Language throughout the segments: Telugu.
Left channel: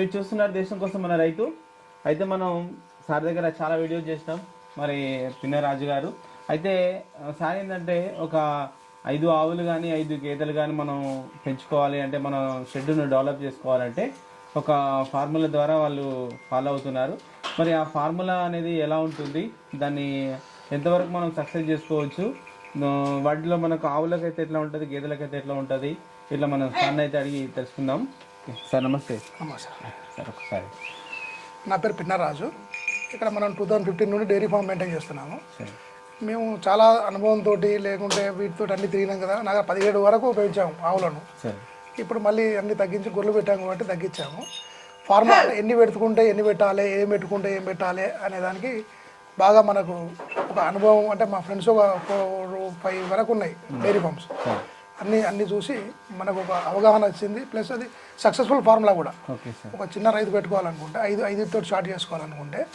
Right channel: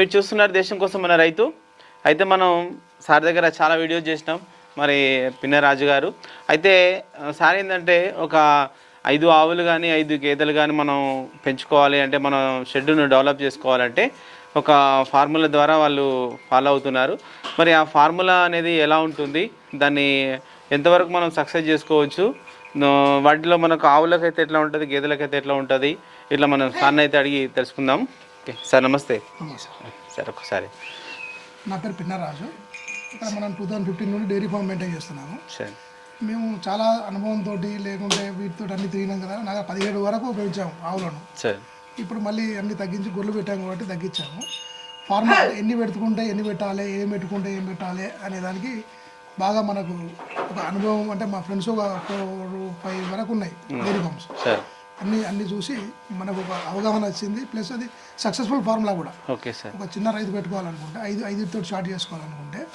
మీరు చూస్తున్నారు దేశం కోసం మన రైతు. అయితే మనం సార్ దగ్గర చాలా వీడియోస్ చేసినాం. మరి పిన్నరాజు గారు. అయితే సార్ ఏంటంటే ఒక ఐదు ఆవులు కానీ ఐదు గేదెలు కానీ మనం పెంచుకోవాలి అంటే మనం షెడ్యూల్ను డెవలప్ చేసుకోవాలంటే ఒక ఫార్ములా ద్వారా వాళ్ళు ఫాలో అవుతున్నారు. మరి ఆ ఫార్ములా అనేది ఎలా ఉంటుంది? దాన్ని ఎంతవరకు మనం సక్సెస్ చేసుకోవచ్చు? వాటిలో మనకు ఆవులకైతే ఎట్లా ఉంటుంది? గేదెలకైతే ఎట్లా ఉంటుంది? ఇట్లా మనం సార్ని అయితే అడిగి తెలుసుకుందాం. ఓకే. సార్ నమస్తే. నమస్తే సార్. ఒకసారి నా పేరు పిన్నరాజు. ఇక్కడ మనం టూ థౌజండ్ ఫిఫ్టీన్ నుండి డైరీ ఫామ్ మెయింటైన్ చేస్తున్నాము. సరే. మేము చాలా అనుభవంతో లేకుంటే వీటితో అన్ని తిరిగినాం కదా నాకు పదిహేడు వరకు పెంచాము ఆవులను. సరే. ఇప్పుడు మళ్ళీ అన్ని తగ్గించి గొర్రెలు పెట్టాము కాబట్టి తగ్గించాము. ఫార్మా ఎన్ని పెట్టుకుంటే ఎన్ని పెట్టాలి ఏం పెట్టుకుంటే ఏం పెట్టాలి అనే దానికి బాగా మనకు ఒక అనుభవం అంటే మా ఫ్రెండ్స్ ఒక ఫోర్ ఫైవ్ వరకు ఉన్నాయి డైరీ ఫామ్స్. సార్. అన్ని అన్ని చూసి మనకు ఒక అవగాహన వచ్చింది. ప్లస్ అది సక్సెస్ఫుల్ ఫార్ములా కూడా. Okay sir. ఒక చిన్న రైతు పెట్టుకోవాలనుకుంటే ఐదు ఐదుతో స్టార్ట్ చేసుకోవాలనుకుంటే.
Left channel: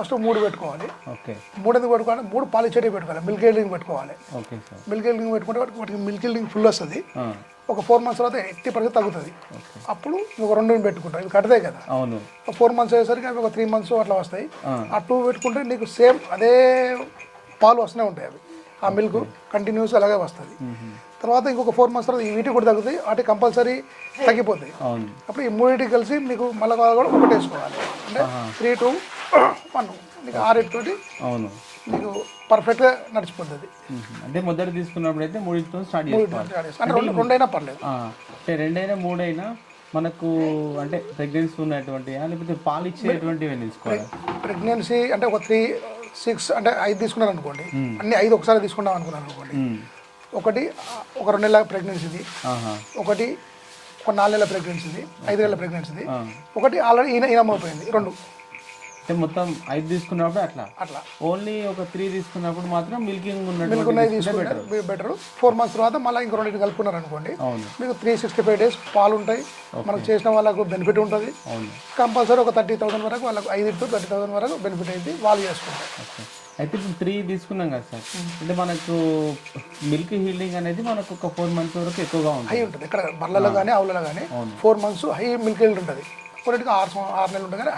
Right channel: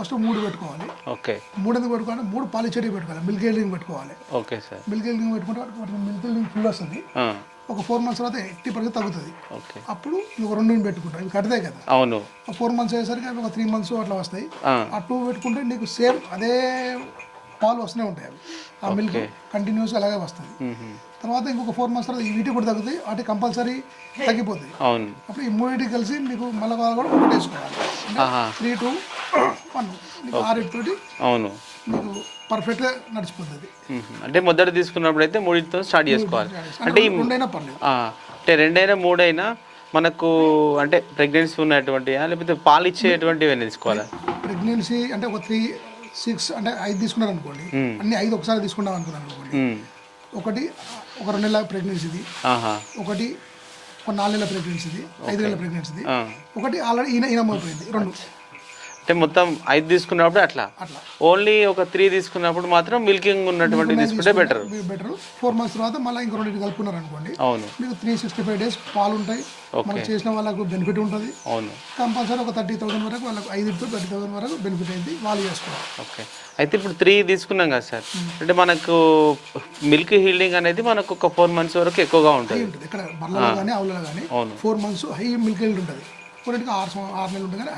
ఫస్ట్ మూడు పెట్టుకోవాలి. ఓకే. మూడు ఎందుకు పెట్టుకోవాలి మూడు పాలిచెడి పెట్టుకోవాలి. మిల్క్ ఎల్డింగ్ పెట్టుకోవాలి. Okay sir. మిల్క్ ఎల్డింగ్ పెట్టుకుంటే వాటికి- మిల్క్ ఎల్డింగ్ ఫుల్ వస్తుంది. ఒక ఫోర్ మంత్స్ తర్వాత ఎయిటీ పర్సెంట్ తగ్గుతుంది. అప్పుడు ఇంకొక రెండు పెట్టుకుంటాం. ఇవి కడతాయి కదా? అవును. ఒక ఫోర్ మంత్స్ అయ్యేసరికి అవి ఒక త్రీ మంత్స్ అట్లా వస్తాయి. ఆ, టూ పెట్టుకుంటే నీకు సేమ్ అదే పాలు వస్తూనే ఉంటాయి అవి. ఆ మిల్క్ కంటిన్యూస్ అలాగే వస్తుంది. తర్వాత ఇంకొక ఫోర్ మంత్స్ తర్వాత ఈ వీటికి కూడా తగ్గుతాయి. వాటి కంపల్సరీ తగ్గిపోతాయి. అవును. అప్పుడు ఈ మూడింటికి కలిసి మీకు మళ్ళీ కూడా ఒకటి వేసుకోవాలి. త్రీ టూ వన్ మీకు ఆరింటితోటి అవును. మీకు పర్ఫెక్ట్గా నడిచిపోతుంది. అంటే మొదట తీసుకున్నప్పుడు అయితే మూడింటితో స్టార్ట్ చేసుకోవాలి. అంటే రెండైనా పర్లేదు. ఆ, అంటే రెండైనా మూడైనా మనకు అంటే ప్రెగ్నెన్సీ ఉన్నటువంటి లేకపోతే పాలు ఇచ్చేటువంటివి తీసుకోవాలా? ప్రెగ్నెన్సీ అంటే ఒక త్రీ సిక్స్ అంటే ఐదు తీసుకున్నారు అనుకోండి అన్ని ఐదు ఒకసారి తీసుకున్నాం అనుకున్నాను అనుకోండి. ఒకటి ఒక రెండు నెలల ప్రెగ్నెన్సీది. ఒకటి ఒక నాలుగు నెలల ప్రెగ్నెన్సీది ఐదు నెలల ప్రెగ్నెన్సీది. ఒకటి ఆల్రెడీ ఈయన ఈనమైపోయింది రెండు. అంటే మొత్తం ఐదు తీసుకున్నప్పుడు అట్లా? అట్లా. ఓన్లీ ఒక త్రీ తీసుకున్నప్పుడు మాత్రం మిల్కింగ్ ఉన్నటువంటి తీసుకుంటే బెటర్ బెటర్. ఫోర్ మంత్స్ తర్వాత మళ్ళీ ఇంకో రెండు కలుపుకున్నారు అనుకోండి అవును. మీకు త్రీ సిక్స్టీ ఫైవ్ డేస్ పాలు ఉంటాయి. మనకు చేసిన వాళ్ళకు బెనిఫిట్ ఉంటుంది. అవును. కంపల్సరీ ఒక థర్టీ థౌసండ్ వరకు వాళ్ళకు ఐదు టు థర్టీ థౌసండ్ వరకు బెనిఫిట్ అయింది వాళ్ళు చేసుకోవాలి ఓకే. అయితే ఇప్పుడు త్రీ తీసుకున్నాం కదా సార్. అంటే మనకు మిల్క్ హీల్డింగ్ అనేది మనకు ఒక ఫోర్ మంత్స్ వరకు ఎక్కువగా ఉంటుంది. ఇక్కడ బర్లలో కానీ ఆవులలో కానీ. Four months high milk yield ఉంటుంది. కొన్నిటికి ఆరు ఆరు నెలలు ఉంటుంది కానీ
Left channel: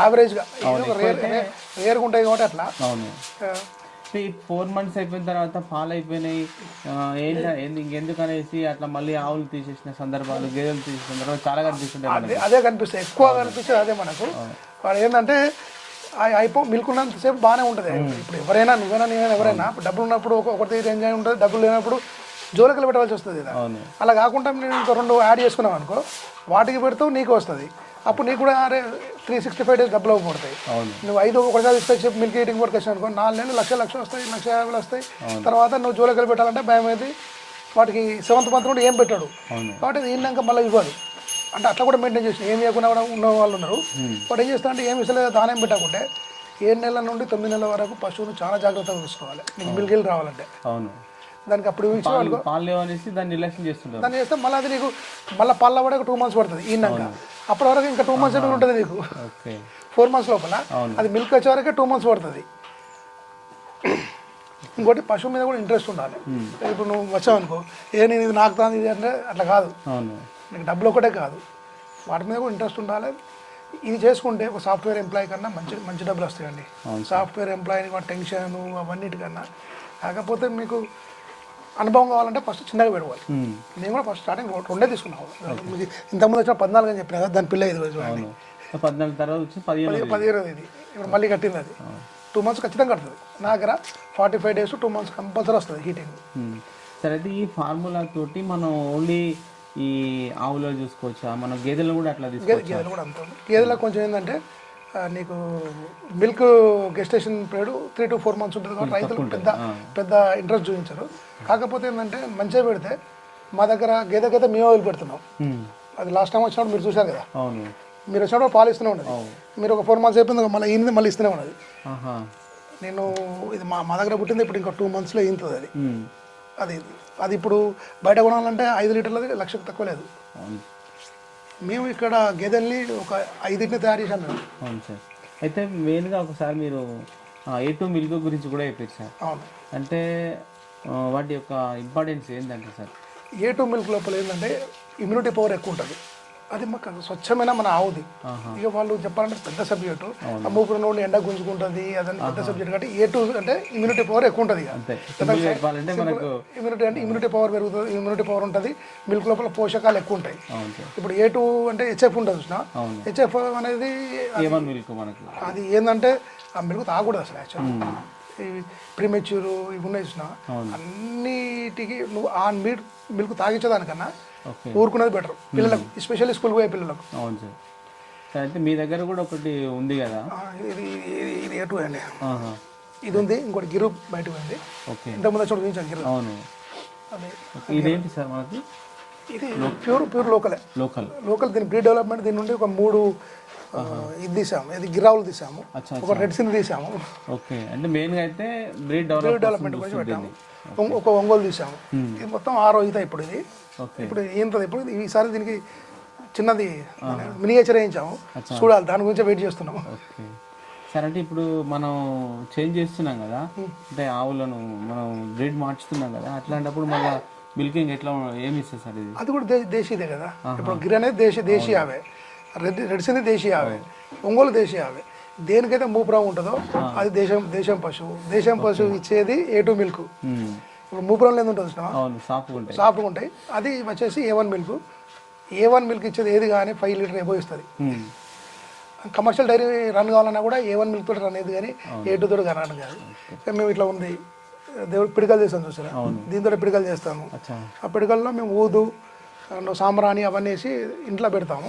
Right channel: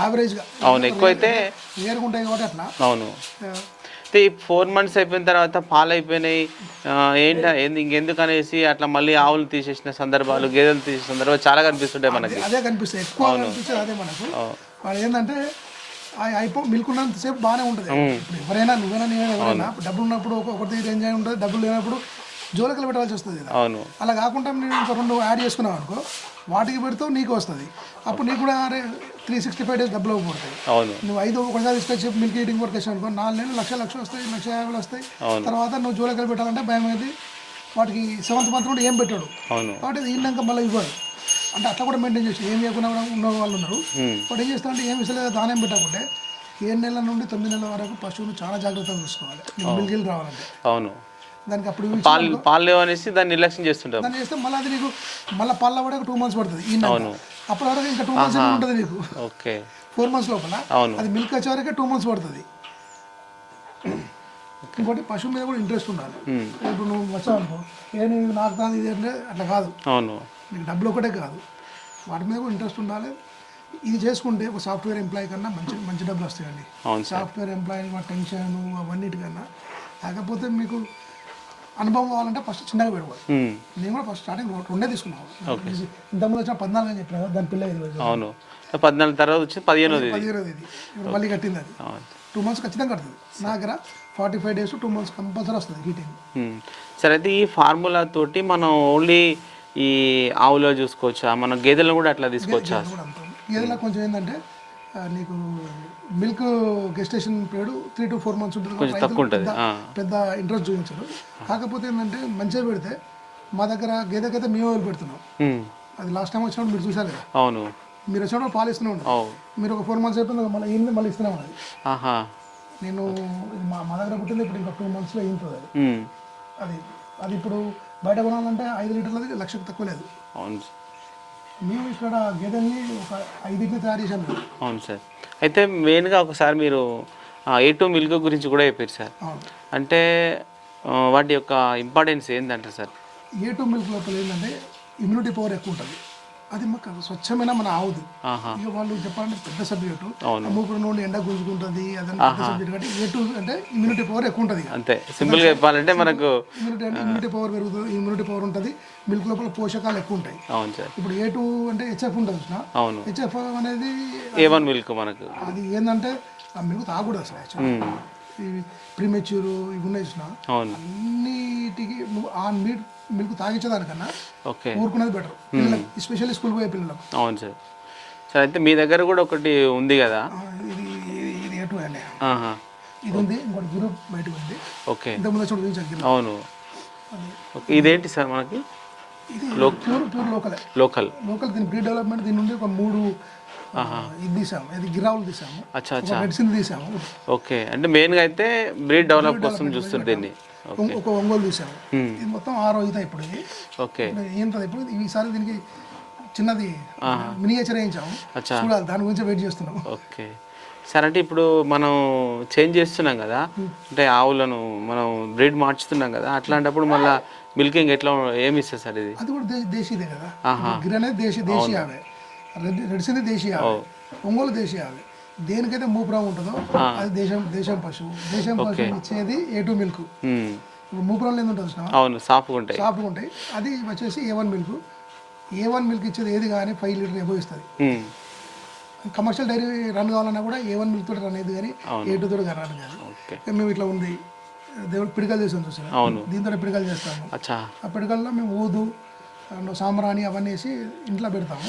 యావరేజ్గా అవును ఎక్కువైతే రేరుగా ఉంటాయి కాబట్టి అట్లా. అవును. అయితే ఈ ఫోర్ మంత్స్ అయిపోయిన తర్వాత పాలు అయిపోయినాయి ఏంట ఇంకెందుకు అనేసి అట్లా మళ్ళీ ఆవులు తీసేసిన సందర్భాలు గేదెలు తీసేసిన సందర్భాలు చాలా కనిపిస్తుంటాయి మనకి. అదే కనిపిస్తాయి. ఎక్కువ కనిపించేది అదే మనకు. వాడు ఏంటంటే అయిపో మిల్క్ ఉన్నంతసేపు బాగానే ఉంటుంది. ఇప్పుడు ఎవరైనా నువ్వైనా నేనైనా ఎవరైనా డబ్బులు ఉన్నప్పుడు ఒక- ఒకటి ఎంజాయ్ ఉంటుంది డబ్బులు లేనప్పుడు జోలకలు పెట్టాల్సి వస్తుంది కదా. అలా కాకుండా నేను ఇంకో రెండు యాడ్ చేసుకున్నావు అనుకో వాటికి పెడతావు నీకు వస్తుంది. అప్పుడు నీకు కూడా అరే త్రీ సిక్స్టీ ఫైవ్ డేస్ డబ్బులు పడతాయి అవును. నువ్వు ఐదు ఒకసారి తీసుకొచ్చి మిల్క్ ఈటింగ్ వర్క్ వచ్చావు అనుకో నాలుగు నెలలు లక్ష లక్షలు వస్తాయి లక్ష యాభై వస్తాయి. తర్వాత నువ్వు జోలకలు పెట్టాలంటే భయం అయితే వాటికి సెవెంత్ మంత్ నుండి ఏం పెట్టాడు? కాబట్టి ఈనాక మళ్ళీ ఇవ్వాలి అంటే అట్లా కూడా మెయింటైన్ చేసి ఏం ఇవ్వకుండా కూడా ఉన్న వాళ్ళు ఉన్నారు. వాడు ఏం చేస్తా అంటే ఏం విసలేదు దానం పెట్టకుంటే ఏడు నెలల నుండి తొమ్మిది నెలల వరకు పశువును చాలా జాగ్రత్తగా చూసుకోవాలి. మిల్క్ రావాలంటే. అవును. దానికి అప్పుడు పాలు పాలు అనేసి దాన్ని నిర్లక్ష్యం చేస్తుంటాం దాన్ని చేస్తే మళ్ళీ అది నీకు మళ్ళీ పళ్ళ కూడా టూ మంత్స్ పడుతుంది ఈనాక అప్పటి వరకు ఇంకా టూ మంత్స్ ఉంటుంది నీకు. ఓకే. ఫోర్ మంత్స్ లోపల. అది మిల్క్ వచ్చే వరకే టూ మంత్స్ పడుతుంది. ఇంకోటి పశువు మీద కూడా ఇంట్రెస్ట్ ఉండాలి. ఇప్పుడు నువ్వు వచ్చావు అనుకో ఏ నేను ఇది నాకు ఇది అంటే అట్లా కాదు. అవును. నీకు డబ్బులు ఒకటే కాదు. వాటి మీద కూడా ఇంట్రెస్ట్ ఉండాలి. ఇది చేసుకుంటే ఒక సాఫ్ట్వేర్ ఎంప్లాయీ కన్నా మంచి మంచి డబ్బులు వస్తాయండి. సాఫ్ట్వేర్ ఎంప్లాయీని వాటి టెన్షన్ అవన్నిటికన్నా కాకపోతే మీకు అనుభవం కావాలంటే ఫస్ట్ చిన్నగా పెరగాలి. మ్మ్. నేను కూడా ఫస్ట్ స్టార్టింగ్ రెండే తీసుకున్నాను ఇది ఇంతకుముందు వచ్చిన పద్నాలుగు అని చెప్పిన కదా దాని పిల్ల ఐదు రోజులు అవును. పద్నాలుగు తర్వాత వచ్చి పదిహేనోది పదిహేను ఇది ఇప్పుడు మళ్ళీ కట్టింది అది. టూ మంత్స్ ఖచ్చితంగా కడుతుంది. నా దగ్గర forty five days two months compulsory వస్తుంది హీటింగ్. సరే అయితే ఈ ఫార్ములా తోటి మనం ఓన్లీ ఈ ఆవులో చూసుకోవచ్చా? మన గేదెలను కూడా అట్లా తీసుకోవచ్చా గేదెలు కూడా అంత గేదెలో కొంచెం ఏంటంటే ఆ, నీకు milk gestation period three to four months ఉంటుంది కాబట్టి రైతులు ఉంటుంది. పెద్ద పెద్ద ఇంట్రెస్ట్ చూపించారు. కాకపోతే ఏంటంటే మంచిగా పెడితే మా దగ్గర గేదె గేదె మేము వదిలి పెడుతున్నాం. అది లాస్ట్ టైం వచ్చినప్పుడు మీరు చూసారు కదా? అవును. మీరు వచ్చినప్పుడు పాలు ఇస్తూనే ఉన్నది అవు మీరు ఒక ఫోర్ మంత్స్ అయిపోయింది మళ్ళీ ఈయనది మళ్ళీ ఇస్తూనే ఉన్నది ఆహా. నేను ఇది మా మా దగ్గర పుట్టింది ఇప్పుడు ఇంకా టూ మంత్స్లో ఈంతుంది అది. అది. అది ఇప్పుడు బయట కొనాలంటే ఐదు లీటర్లది లక్షకు తక్కువ లేదు. అవును మేము ఇక్కడ గేదెల్ని ఒక ఐదింటిని తయారు చేశాం మేము అవును సార్. అయితే మెయిన్గా ఒకసారి మీరు ఏ టూ మిల్క్ గురించి కూడా చెప్పారు సార్. అవును. అంటే వాటి యొక్క ఇంపార్టెన్స్ ఏంటంటే సార్? ఏ టూ మిల్క్ లోపల ఏంటంటే ఇమ్యూనిటీ పవర్ ఎక్కువ ఉంటుంది. అది మాకు స్వచ్ఛమైన మన ఆవుది. ఇక వాళ్ళు చెప్పాలంటే పెద్ద సబ్జెక్టు అవును. ఆ మూపురం నుండి ఎండ గుంజుకుంటుంది పెద్ద సబ్జెక్ట్ కాబట్టి ఏ టూ అంటే ఇమ్యూనిటీ పవర్ ఎక్కువ ఉంటుంది అంతే. సింపుల్గా చెప్పాలంటే మనకు ఇమ్యూనిటీ అంటే ఇమ్యూనిటీ పవర్ పెరుగుతుంది ఇమ్యూనిటీ పవర్ ఉంటుంది మిల్క్ లోపల పోషకాలు ఎక్కువ ఉంటాయి. ఇప్పుడు ఏ టూ అంటే హెచ్ఎఫ్ ఉంటుంది చూసిన? హెచ్ఎఫ్ అనేది ఏ వన్ మిల్క్ మనకు. అది ఏంటంటే ఆ మిల్క్ తాగకూడదు అసలు యాక్చువల్ ఇవి ప్రీమెచ్యూర్ ఇవి ఉన్నాయి చూసిన అన్నిటికీ నువ్వు ఆ మిల్క్ మిల్క్ తాగించేదానికన్నా ఓకే. ఊరుకునేది బెటర్ పిల్లలకు ఎస్పెషల్లీ స్కూల్ పోయే పిల్లలకు. అవును సార్. సార్ అయితే మీ దగ్గర కూడా ఒకటి ఉంది కదా? ఇది ఇది ఇది ఏ టూ అండి. ఇది ఉంది ఇంకోటి గిరు బయటకు ఉంది. ఓకే. ఇంతకుముందు వచ్చి చూపించాను అవును. ఇదేంటి సార్ మనకి? ఇది ప్యూర్ ప్యూర్ లోకలే లోకల్. లోకల్ దీని బ్రీడ్ డెవలప్మెంట్ దీని నుండి ఒక మూడు ఇది తీసాము. ఇది గిరావులు తీసాము. అచ్చా ఒక రెడ్ సిన్ తీసాము. ఓకే. అంటే మెయిన్గా అయితే బ్రీడ్ డెవలప్ కోసం చూస్తుంది దీన్ని. ఒక ఒంగోలు తీసాము. ఇది మొత్తం ఆరో ఈత ఇప్పుడు ఇది. ఓకే. ఇప్పుడు ఏంటది ఇప్పుడు ఈసారి దీనికి చిన్నది మినియేచర్ వేయించాము. చూడాలి. దాని గురించి వెయిట్ చేస్తున్నాము. ఓకే. సార్ అంటే ఇప్పుడు మనం చేంజ్ చేస్తున్నాం కదా. అంటే ఆవులను మనం బ్రీడ్ మార్చుతున్నాం కదా. అట్లాంటప్పుడు మళ్ళీ మిల్కింగ్ ఎట్లా ఏమి ఇస్తుంది సార్ ఇది? అది కూడా దే- దేశీయదే కదా. గిర్ అనేది దేశీ దేశీ ఆవే. రెడ్ రెడ్స్ అనేది దేశీ ఆవే ఒంగోలు దేశీ ఆవే దేనికైతే మూపురం ఉంటుందో అది దేశం దేశం పశువు. దేశం పశువు ఇచ్చేది ఏ టూ మిల్క్. ఇప్పుడు మూపురంలో ఎందుకు ఉంటుంది అవును సాఫ్ట్గా ఉంటాయి. సాఫ్ట్గా ఉంటాయి. అది వచ్చేసి A one milk A one milk ఇచ్చేది ఏది కానీ ఫైవ్ లీటర్ ఎబో ఇస్తుంది. కమర్షియల్ డైరీ రన్ కావాలన్నా కూడా ఏ వన్ మిల్క్ తోటి రన్ అయ్యేది కానీ ఏ టూ తోటి రన్ కాదు. మేము ఇట్లా ఉంది. దేవుడు పిడికలు చేస్తాం చూసారా? దీంతో పిడికలు చేస్తాము. ఆ పిడికల్లో మేము ఊదు అండ్ సాంబ్రాణి అవన్నీ వేసి ఇంట్లో పెడతాము.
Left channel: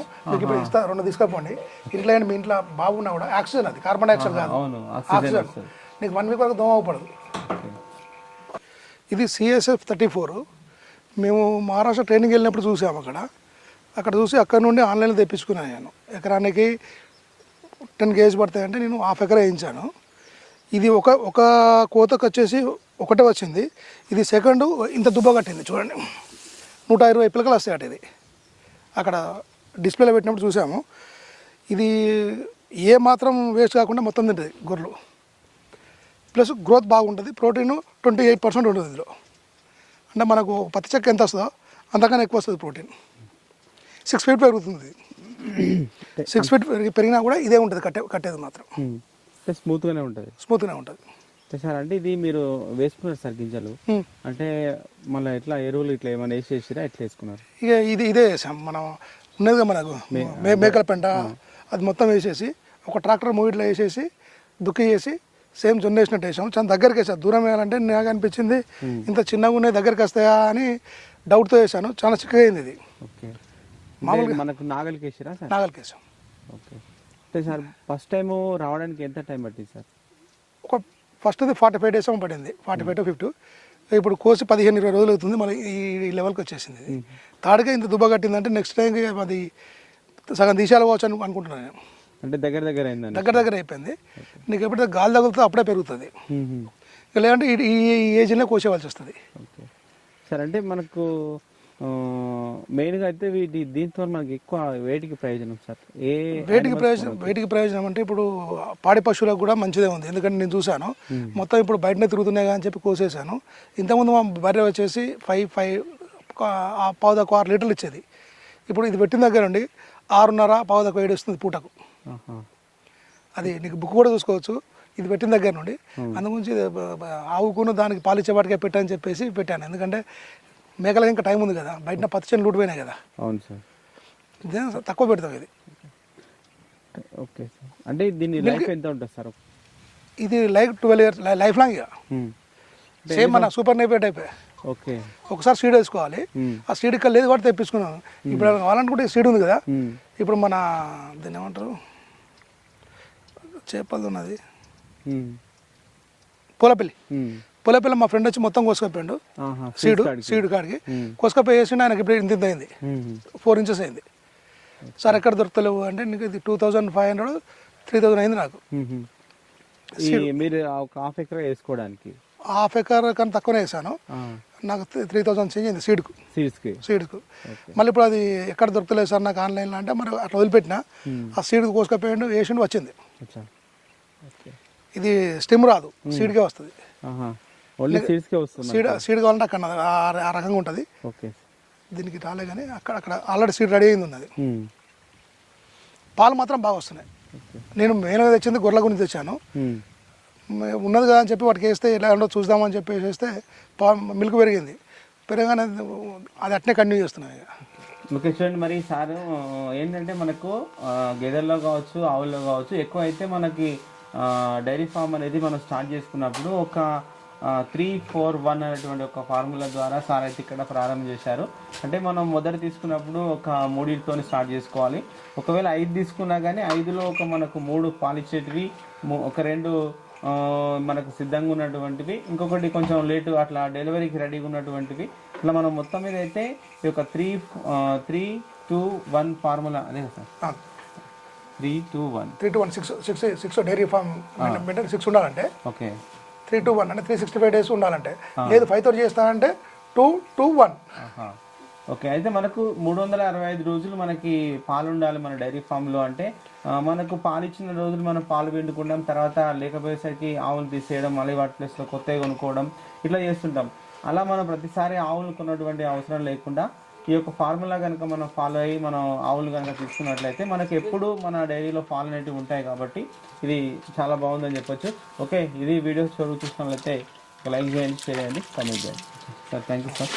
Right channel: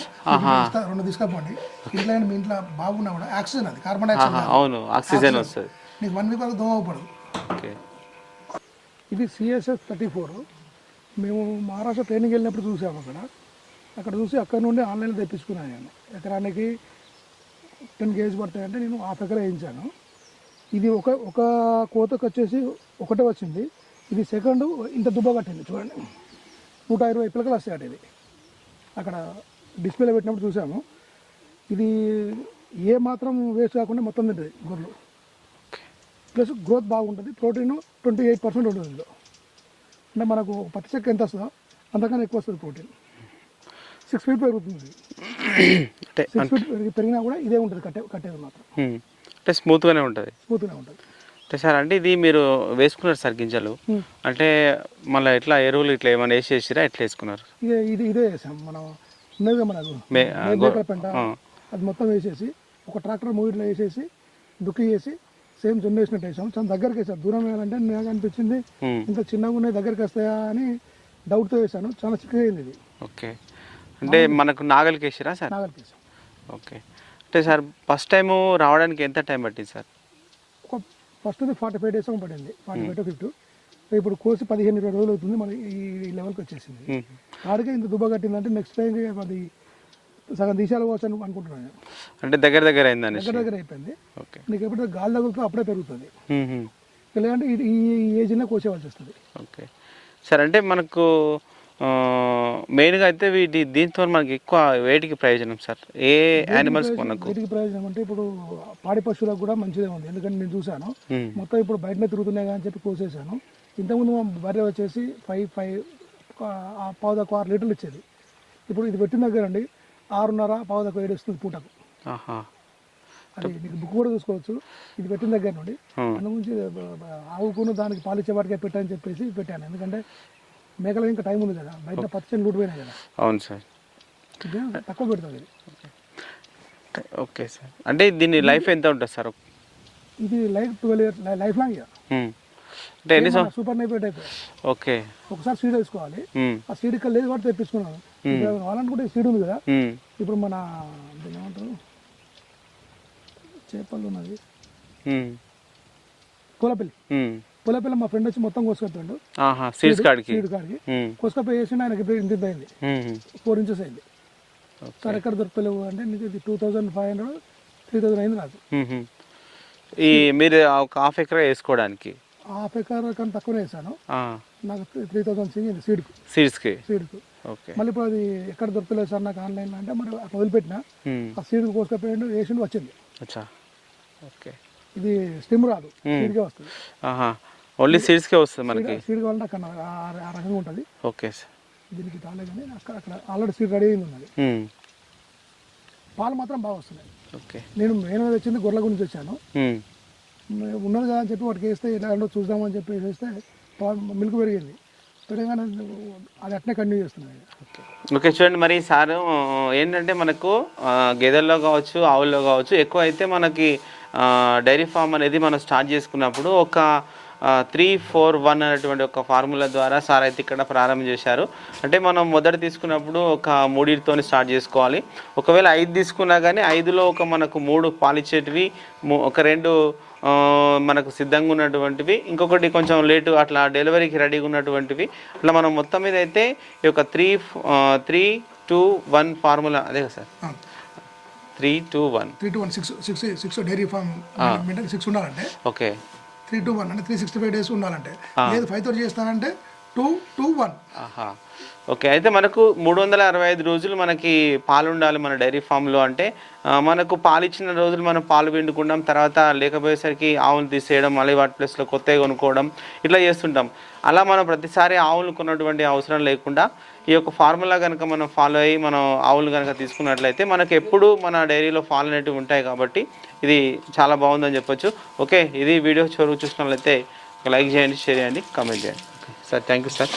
రెండు తీసుకపోండి. ఇంట్లో మీ ఇంట్లో బాగున్నా కూడా ఆక్సిజన్ అది కార్బన్ డైఆక్సైడ్ అవును ఆక్సిజన్ వస్తుంది. నీకు వన్ వీక్ వరకు దోమ ఓకే. ఇది సిఎస్ఎఫ్ థర్టీ ఫోర్. మేము మహారాష్ట్ర ట్రైనింగ్ వెళ్ళినప్పుడు చూసాము అక్కడ. అక్కడ చూసి అక్కడ నుండి ఆన్లైన్లో తెప్పించుకున్నాను నేను. ఎకరానికి టెన్ కేజీ పడతాయంటే నేను హాఫ్ ఎకర్ వేయించాను. ఇది ఒక ఒక కోతకు వచ్చేసి ఒకటే వచ్చింది. ఇది సెకండ్ ఇంత దుబ్బ కట్టింది చూడండి. నూట ఇరవై పిలకలు వస్తాయి అటు ఇది. అక్కడ డిస్ప్లేలో పెట్టినప్పుడు చూసాము. ఇది ఏ మాత్రం వేస్ట్ కాకుండా మొత్తం తింటుంది గొర్రెలు. ప్లస్ గ్రోత్ బాగుంటుంది ప్రోటీన్ ట్వంటీ ఎయిట్ పర్సెంట్ ఉంటుంది ఇందులో. అంటే మనకు పత్తి చెక్క ఎంత వస్తుందో అంతకన్నా ఎక్కువ వస్తుంది ప్రోటీన్. సిక్స్ ఫీట్ పెరుగుతుంది సిక్స్ ఫీట్ పెరిగి పెరిగినా కూడా ఇదే ఉంటుంది కట్టే కట్టేది మాత్రం. అంటే స్మూత్గానే ఉంటుంది. స్మూత్గానే ఉంటుంది. అంటే సార్ అంటే ఇది మీరు వేసుకున్నారు సార్ గింజలు. అంటే మళ్ళీ ఎట్లా ఎరువులు ఇట్లా ఏమైనా వేసేసిరా? ఎట్లా వేసుకున్నారు? ఇక ఇది ఇదే వేసాం మనం ఉన్నదిగా మనకు. మేకల పెంట. అది మొత్తం వేసేసి ఒక ట్రాక్టర్ మూవీట్లో వేసేసి దుక్కి చేసి సేమ్ జొన్న వేసినట్టు వేసాం. చాలా దగ్గరికి వేసాం. దూరం వేయాలంటే నాకు అనిపించింది ఇంత చిన్నగా ఉన్నాయి దగ్గరికి వస్తాయా అని డౌట్తో వేసాను. చాలా చిక్కగా అయింది ఇది. ఓకే. అంటే మనకు నాగలికి వేసిరా సార్? నాగలికి వేసాం. ఓకే. అంటే సార్ ఫస్ట్ టైము రావడానికి ఎంత టైం పట్టింది సార్? ఒక ఫస్ట్ ఫార్టీ ఫైవ్ డేస్ ఏమో పడింది. Forty five to fifty. ఇప్పుడు కోసి పదిహేను ఇరవై రోజులు అవుతుంది మళ్ళీ ఈ లెవెల్కి వచ్చేసింది. తాడిగా ఇంత దుబ్బ కట్టిందంటే నెక్స్ట్ టైం అది సగం తీసేయాలి పోవచ్చు అని అనుకుంటున్నాను నేను. అంటే దగ్గర దగ్గర అయిందండి దగ్గర దగ్గర అయిపోయింది. నీకు ఎప్పుడైతే గాలి తగులుతుందో అప్పుడే పెరుగుతుంది. లేదంటే ఈ ఏజ్లో కోసేవాల్సి వస్తుంది. ఓకే. సార్ అంటే మనకు మెయిన్గా అయితే వీటి దీంతో మనకి ఎక్కువ వేటికి ప్రయోజనం సార్? ఏ యానిమల్స్ ప్రయోజనం? అంటే ఇప్పుడు పాడి పశువులకు కూడా మంచిదే ఉంది. ఎందుకంటే నేను చూశాను. మొత్తం ఇప్పుడు బయటనే తిరుగుతున్నాయి అని చెప్పి కోసేసాను ఇంతకుముందు మా బర్రె వచ్చేసి ఫైవ్ ఫైవ్ పావుదకు ఆరు లీటర్లు ఇచ్చేది. ఇప్పుడు ఇది పెట్టిన దగ్గర నుండి ఆరున్నర పావుదకు ఏడు వస్తుంది పూటకు. అది నీకు బుక్ కూడా చూసుకోవచ్చు. ఇది పెట్టిన దగ్గర నుండి. బ- బ- ఆవుకును దానికి పాలిచ్చే వాటికే పెట్టని చెప్పేసి పెట్టాను. ఎందుకంటే మేకలకి ఇంకా టైం ఉంది కదా. బయట పత్తి చేను లూటిపోయినాయి కదా. అవును సార్. తక్కువ పెడతాం ఇది. Okay sir. అంటే దీని లైఫ్ ఎంత ఉంటుంది సార్? ఇది life twelve years life long ఇక. సూపర్ నైపేట్ అయిపోయి ఓకే. ఒకసారి సీడ్ వేసుకోవాలి. ఆ సీడ్ ఇక్కడ లేదు కూడా తెప్పించుకున్నాను. ఇప్పుడు కావాలనుకుంటే సీడ్ ఉంది కదా. ఇప్పుడు మన దీన్ని ఏమంటారు? చేపలు ఉన్నది. పూలపల్లి. పూలపల్లి మా ఫ్రెండ్ వచ్చి మొత్తం సీడ్స్ కాడికి. సీడ్ కాడికి. మ్మ్. కోసుకపోయి వేసిండు ఆయనకి ఇప్పుడు ఇంత అయింది. ఫోర్ ఇంచెస్ అయింది. సార్ ఎక్కడ దొరకలేవు అంటే నీకు ఇది two thousand five hundred three thousand అయింది నాకు. ఈ మీరు ఒక హాఫ్ ఎకరా వేసుకోవడానికి? హాఫ్ ఎకర్ కన్నా తక్కువనే వేసాను. నాకు త్రీ థౌజండ్ చేంజ్ అయింది సీడ్కు. సీడ్స్కి? సీడ్కు. మళ్ళీ ఇప్పుడు అది ఎక్కడ దొరకలేదు సార్ నాకు ఆన్లైన్లో అంటే మరి అట్లా వదిలిపెట్టిన. ఆ సీడ్ కోసుకపోయిండు వేసిండు వచ్చింది. ఇది స్టిమ్ రాదు. సీడ్కే వస్తుంది. ఓన్లీ సీడ్స్కే వస్తుంది సీడ్ సీడ్ కావాలంటే అక్కడ ఆ- రకంగా ఉంటుంది. Okay sir. దీనికి రాలే కానీ అక్కడ అక్కడ ఆల్రెడీ సీట్ రెడీ అయింది ఉన్నది. పాలు మాత్రం బాగా వస్తున్నాయి. ఓకే. నేను మెయిన్గా తెచ్చింది గొర్రెల గురించి తెచ్చాను. ఉన్నది కదా అని చెప్పి వాటికి వేస్తే ఎలా ఉండో చూద్దామని చెప్పి వేస్తే పా మిల్క్ పెరిగింది. పెరగానే అది అట్నే కంటిన్యూ చేస్తున్నాయి. ఓకే. చూడండి మరి సార్ ఏంటంటే మనకు గేదెల్లో కావచ్చు ఆవుల్లో కావచ్చు ఎక్కువ అయితే మనకి డైరీ ఫామ్ అనేది మనం స్టార్ట్ చేసుకున్నప్పుడు ఒక త్రీ ఫోర్ వన్ అనేటువంటి ఒక ఫార్ములా ద్వారా సార్ అయితే ఇక్కడ ప్రారంభం చేశారు. అంటే మనం మొదట తీసుకున్నప్పుడు ఒక మూడింటితో స్టార్ట్ చేసుకోవాలి. ఒకవేళ ఐదు తీసుకున్నా కానీ ఐదులో ఒక మనకు మూడు పాలిచ్చేటివి ఒక రెండు మనకు సిద్ధంగా ఉన్నటువంటివి ఇంకొకటి కొంచెం లేటు అట్లా డెలివరీకి రెడీగా ఉన్నటువంటివి ఇట్లా మనం మొత్తం మీద అయితే ఈ యొక్క three three two one formula అదే కదా sir? Three two one three two one six six six dairy maintain six ఉండాలంటే ఓకే. త్రీ టు వన్ అంటే త్రీ సిక్స్టీ ఫైవ్ డేస్ ఉండాలంటే. లేదు ఫైవ్ థర్టీ చేస్తానంటే టూ టూ వన్ ఓకే అయితే మనకు మూడు వందల అరవై ఐదు రోజులు మనకి పాలు ఉండాలి మన డైరీ ఫామ్లో అంటే మనకు పాలు ఇచ్చిన రోజులు మనం పాలు పిండుకుంటాం తర్వాత లేకపోయేసరికి ఆవులు తీసేయడం మళ్ళీ వాటి ప్లేస్లో కొత్తవి కొనుక్కోవడం ఇట్లా చేస్తుంటాం. అలా మనం ప్రతిసారి ఆవులు కొన్నటువంటి అవసరం లేకుండా ఈ యొక్క ఫార్ములా కనుక మనం ఫాలో అయ్యి మనం ఆవులు కనుక తీసుకున్నట్లయితే మనకు ఎప్పుడు మన డైరీలో ఫాలో అనేటివి ఉంటాయి కాబట్టి ఇది చాలా బాగుందని చెప్పొచ్చు. ఓకే ఇది వీడియో చదువు చూసినట్లయితే లైక్ చేయండి షేర్ చేయండి కామెంట్ చేయండి. Sir thank you sir.